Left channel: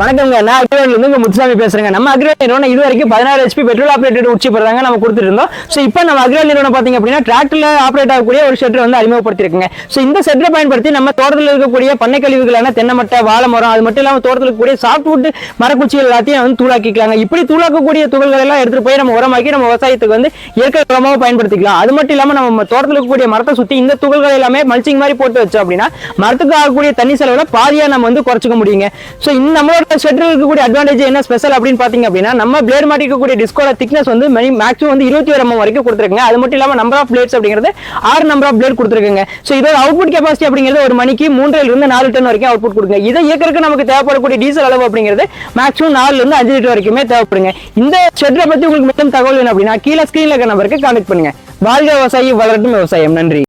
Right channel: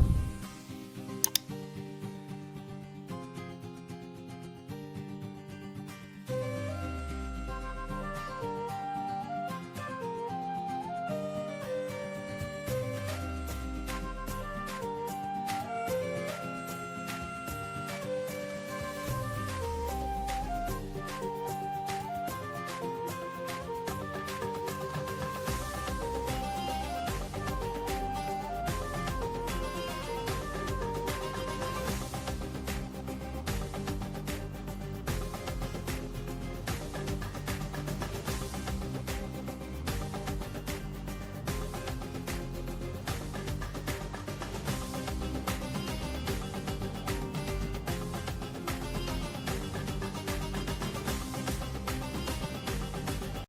வணக்கங்க, நான் அக்ரிவேட்ல இருந்து முத்துசாமி பேசுறேங்க. நம்ம அக்ரிவேட் நிறுவனம் இது வரைக்கும் 16 HP பெட்ரோல் ஆப்ரேட்டட் உச்சி போடுறாங்க நம்ம கொடுத்துட்டு இருந்தோம். ஸோ இப்போ நம்ம அக்ரிவேட் நிறுவனம் பாத்தீங்க அப்படின்னா டிராக்டர்ல ஆப்ரேட் ஆகக்கூடிய ஒரு ஷெட்டர் வந்து அறிமுகப்படுத்திருக்குங்க. ஸோ இந்த ஷெட்டரை பயன்படுத்தி நம்ம தோட்டத்தில் இருக்கக்கூடிய பண்ணை கழிவுகளான தென்னை மட்டை, வாழை மரம், அது மட்டும் இல்லாமல் தோட்டத்தில் இருக்கக்கூடிய சாஃப்ட்வுட் மரக்குச்சிகள் எல்லாத்தையும் வந்து தூளாக்கிக்கலாங்க. இப்படி தூளாக்கக்கூடிய துகள்கள் எல்லாம் எடுத்துட்டு போய் நம்ம உரமாக்கி நம்ம விவசாயத்துக்கு வந்து இயற்கை உரமாக பயன்படுத்திக்கலாம். அது மட்டும் இல்லாமல் நம்ம தோட்டத்தில் இருக்கக்கூடிய மரத்தை சுற்றி இந்த துகள்கள் எல்லாமே மல்ச்சிங் மாதிரி போட்டு வச்சோம் அப்படின்னா மரத்துக்கு ஆகக்கூடிய தண்ணி செலவுல பாதியா நம்ம வந்து குறைச்சிக்க முடியுங்க. ஸோ இந்த நம்மளோட ஷெட்டரில் இருக்கக்கூடிய அட்வான்டேஜ் என்ன ஸ்பெஷல் அப்படின்னு பாத்தீங்க அப்படின்னா நம்ம பிளேட் மாட்டிக்கக்கூடிய டிஸ்கோட திக்னஸ் வந்து மேக்ஸிமம் வந்து 21 mm வரைக்கும் கொடுத்துருக்குங்க. அது மட்டும் இல்லாம நம்பர் ஆஃப் பிளேட்ஸ் அப்படிங்கிறது 6 நம்பர் ஆஃப் பிளேட் கொடுத்துருக்குங்க. ஸோ இதோட அவுட்புட் கெபாசிட்டி அப்படிங்கிறது ஒரு மணிக்கு 3 இருந்து 4 டன் வரைக்கும் அவுட்புட் கொடுங்க. இதை இயக்கிறதுக்கு நமக்கு தேவைப்படக்கூடிய டீசல் அளவு அப்படிங்கிறது மேக்ஸிமம் 4 இருந்து 5 லிட்டர் வரைக்குமே தேவைப்படுங்க. இந்த ஷெட்டரை பத்தி உங்களுக்கு மட்டும் தகவல் வேணும் அப்படின்னா கீழே ஸ்கிரீன்ல இருக்க நம்பருக்கு கான்டாக்ட் பண்ணுங்க. வாழ்க விவசாயி, வளரட்டும் விவசாயம். நன்றி.